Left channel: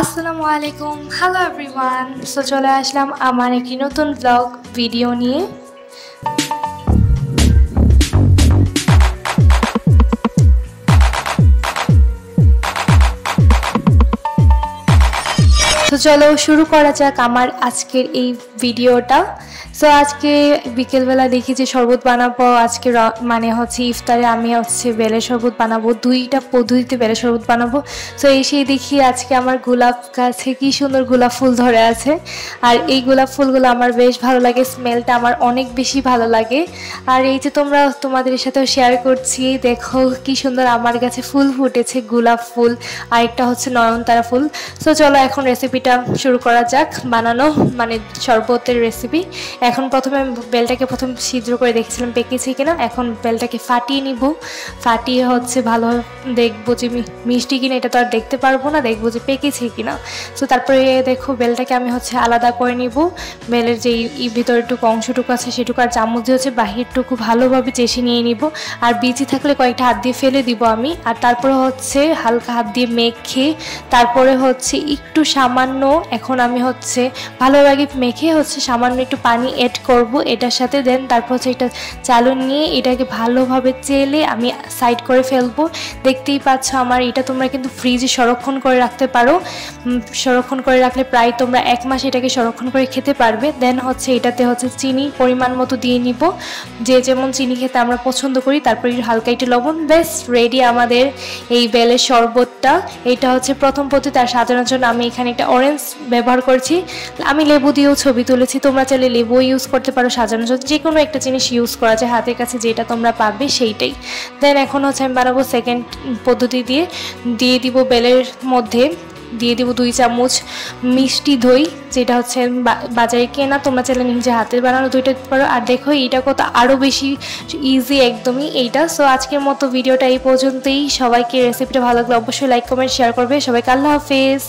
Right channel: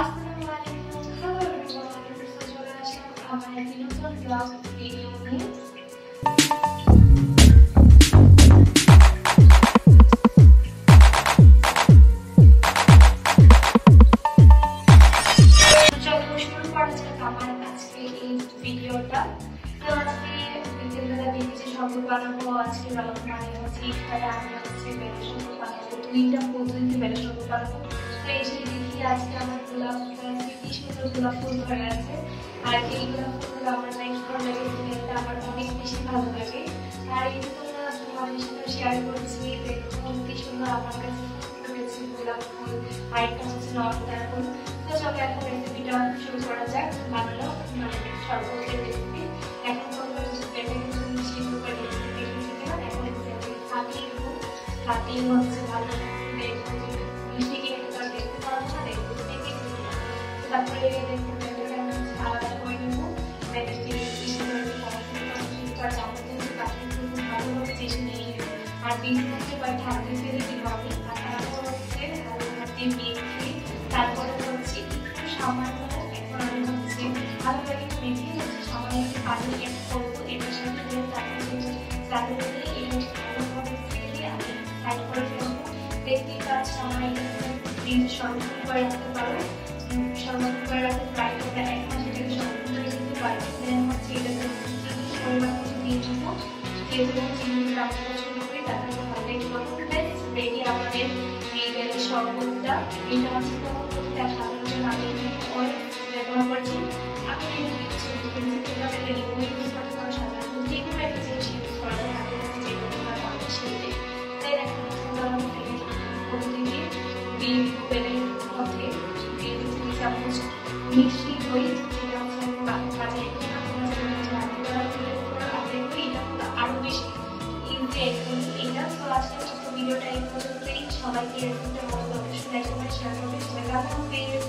আসসালামু আলাইকুম, hello everyone. So চলে আসলাম আমার একটি নতুন ব্লগ ভিডিও নিয়ে। তো চলো শুরু করা যাক আমার আজকের এই ভিডিওটা। সো আজকে বিকেলবেলা দেখি যে শরবত বানাবো। আজকে মানে হচ্ছে ইফতারে আমি হচ্ছে বেলের শরবত বানাবো, দুইটা পদ্ধতিতে বেলের শরবত বানাবো। সো এসেই দেখি আজকে আমার গোলাপ গাছে কি সুন্দর গোলাপ ফুল ধরে আছে। আর এই গোলাপ ফুলগুলো আমার বেশ ভালো লাগে, স্মেলটা আমার অনেক বেশি ভালো লাগে। আর এই যে তোমাদের সাথেও শেয়ার করছি, দেখো কি সুন্দর আমার কাছে ফুল ফুটেছে, গোলাপ ফুল আর একটা হচ্ছে নয়নতারা ফুল। সো চলো এখন রেসিপিটা শুরু করা যাক, বানানো মানে শরবতের রেসিপি। এখন প্রথমে বেলটাকে সিদ্ধ করে দেখছিলাম পেকেছে কিনা। এখন বেলটাকে ফাটিয়ে নিব, ফাটিয়ে হচ্ছে ভালো দেখবো যে মিষ্টি কিনা, এটা তো আর দেখতে পারবো না, দেখবো যে পেকেছে কিনা। সো তারপরে দেখো বেলটাকে আমি হচ্ছে আলাদা করে নিব। বেলের যে ভিতরেটুকু অংশটুকু আছে সেটুকু আর চামচ দিয়ে হচ্ছে বাহিরটুকু ভালোভাবে চেষে নিয়ে নিব। আর বিচি থাকলে কয়েকটা হাত দিয়ে ফেলে দিব আমি। আর তারপরে হচ্ছে হালকা হাত দিয়ে মেখে তারপরে হচ্ছে একটু সামান্য, এখন আমি হচ্ছে ভালোভাবে মেখে হচ্ছে সামান্য একটু পানি অ্যাড করব এটার সাথে। দেন তারপর হচ্ছে এটা চালু নিয়ে এটাকে ভালোভাবে চেলে আমি সাইড করে ফেলবো। দেখতেই পাচ্ছ আমার এটা তোমরা কিন্তু ফ্রিজে সংরক্ষণ করে রাখতে পারো। সংরক্ষণ করে রাখলে প্রায় তোমরা 1 মাস এটাকে সংরক্ষণ করে খেতে পারবে। দেন হচ্ছে এটাতে হচ্ছে চিনি পরিমাণ মতো দিয়ে নিব, যে যেমন চিনি খেতে আমরা পছন্দ করি। তারপরে হালকা একটু লবণ, বেশ রেডি আমাদের এই বেলের শরবতটা। এটা হচ্ছে প্রথম পদ্ধতি। আর সাজানোর জন্য আমি এখানে একটা অরেঞ্জ ব্যবহার করছি। আমি লেবু দিয়েও ছবি তুলেছি, তোমরা চাইলে লেবু ইউজ করতে পারো সাজানোর জন্য। যে কোনো একটা জিনিস ইউজ করা যায়, হাতের কাছে যেটা তোমরা পাবে সেইটাই। দেন এখন হচ্ছে আমি বানাবো সেকেন্ড পদ্ধতি দিয়ে দিব বেলের মধ্যে দিয়ে দিব 2 চামচ মিষ্টি দই, যেটা হচ্ছে বাজারে কেনা, তোমরা চাইলে নিজে হাতে বানানো দইটা দিতে পারো। আর দেখো এইটা কত আরও বেশি ইজি একদমই এইটা। সো আজকের মতো ভিডিওটা এই পর্যন্তই। সবাইকে রেসিপিটা ভালো লাগলে অবশ্যই লাইক কমেন্ট শেয়ার করবে। সবাইকে আল্লাহ হাফেজ।